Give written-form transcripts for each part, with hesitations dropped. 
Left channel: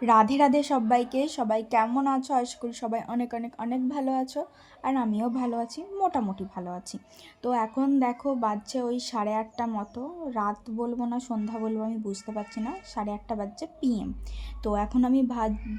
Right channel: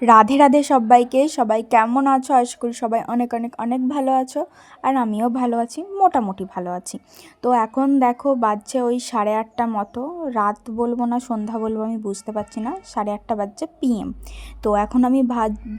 রাধে রাধে সবাইকে। সবাই কেমন আছো? আশা করি সবাই অনেক অনেক অনেক ভালো আছো। আর আমিও ভালো আছি, মোটামুটি ভালো আছি। তো এখন দেখো বাজছে ওই 8:30 মতো। রাত বলবো না সন্ধ্যা বলবো আমি বুঝতে পারছি না, 8:30 বাজছে PM। তো এখন আমি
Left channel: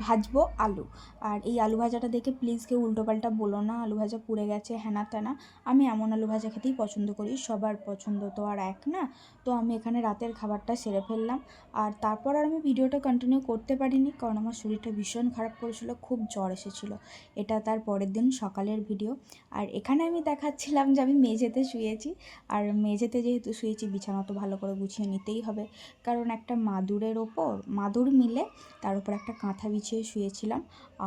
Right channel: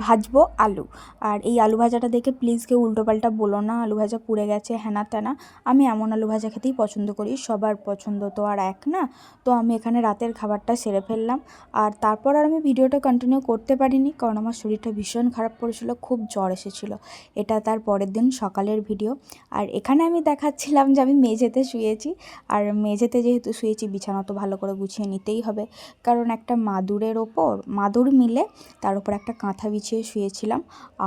ভাজবো আলু। আর এই আলু ভাজাটা দেখে প্লিজ কেউ উল্টোপাল্টা বলো না, আলু ভাজা পুড়ে গেছে হ্যানা ত্যানা। আমি এমন আলু ভাজা খেতেই পছন্দ করি, সবার পছন্দ তো আর এক না। তো আমি এখানে রাতের খাবারটা সেরে ফেললাম। আর তারপর আর আমি ভিডিওটা কন্টিনিউ করতে পারিনি, কারণ আমার শরীরটা ভীষণ খারাপ করেছিল, খুব জ্বর এসেছিলো। এটা তার পরের দিন সকালের ভিডিও। আর এখানে আমি দেখাচ্ছিলাম যে আমি মেঝেতে শুয়েছি। আর মেঝেতে যেহেতু শুয়েছি, বিছানা তো ভালো করে গুছিয়ে নিতেই হবে, কারণ একটা মাদুরের ওপর মাদুর মিলে তার উপর একটা কাঁথা বিছিয়ে শুয়েছিলাম।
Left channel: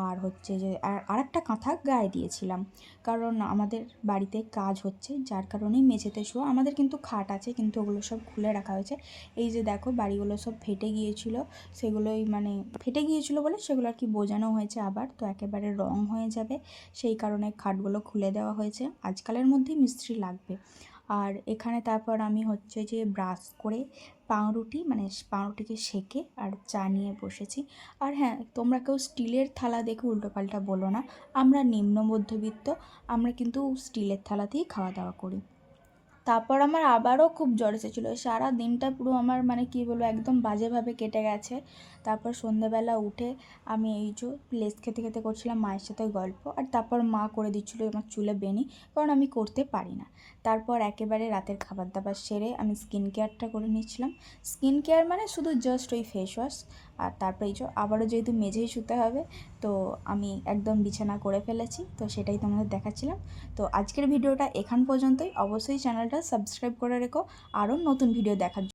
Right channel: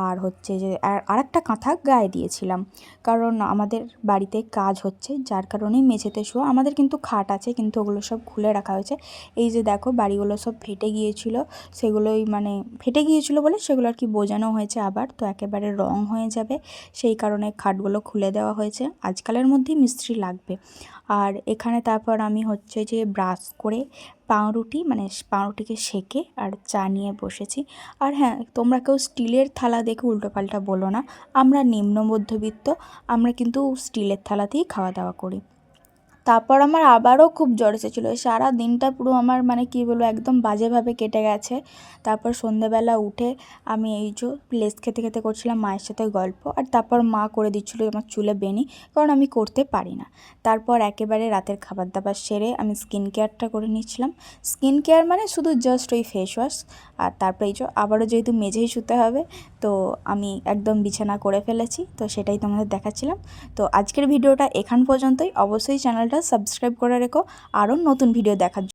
আর হচ্ছে যে আর একটা কাঁথা গায়ে দিয়েছিলাম, কারণ আমাদের বাড়িতে কাজ হচ্ছে, যার কারণেই মেঝেতে শোয়া। আমাদের কিন্তু খাট আছে, কিন্তু ওগুলো সব খুলে রাখা হয়েছে। এই যে দেখো বাড়িগুলো সব ফেটে গিয়েছিল, সেগুলোই মানে ফেটে গিয়েছিল বলে সেগুলো আর কি বোঝানো হয়েছে আবার, তো একেবারে রং হয়ে যাবে, সেই কারণে খাটগুলো খুলে দেওয়া হয়েছে। আজকালের মধ্যেই মিস্ত্রি লাগবে। আর এখানে তারপর আমি হচ্ছে যে ব্রাশ করে পাউরুটি মানে পাউরুটিকে সেঁকে আর চা নিয়ে বসেছি। আর হ্যাঁ, তোমরা কেউ স্টিলের থালা দেখে উল্টোপাল্টা বলো না, আমরা নিম্ন মধ্যবিত্ত, আমরা কিন্তু স্টিলের থালাতেই খাওয়া দাওয়া করি। তারপর আমার আবারও খুব জ্বর এসেছিলো, সারা দিনটা পুরো আমার মানে কী বলবো একদম বাজেভাবে কেটে গেছে। তারপর সন্ধেবেলা উঠে আমি এই যে লেস খেতে খেতে করছিলাম মায়ের সাথে গল্প, আর তারপর মা করে দিচ্ছিলো আমার চুলে বেনি, কারণ আমি করতে পারি না। তারপর একেবারে রাতের খাবার দাবার সেরে আমি স্কিন কেয়ারটা করে নিচ্ছিলাম। স্কিন কেয়ার মানে শুধু জাস্ট ওই ফেস ওয়াশ। আর তারপরে এই যে আবারও যেহেতু মেঝেই শুতে হবে, তো আমি একদম বিছানা করে ফেলেছি, তো সেটাই তোমাদের দেখাচ্ছিলাম। তো আজকের ভিডিওটা এখান পর্যন্তই। অবশ্যই চ্যানেলটা সাবস্ক্রাইব করে রেখো আরও নতুন ভিডিও দেখার জন্য।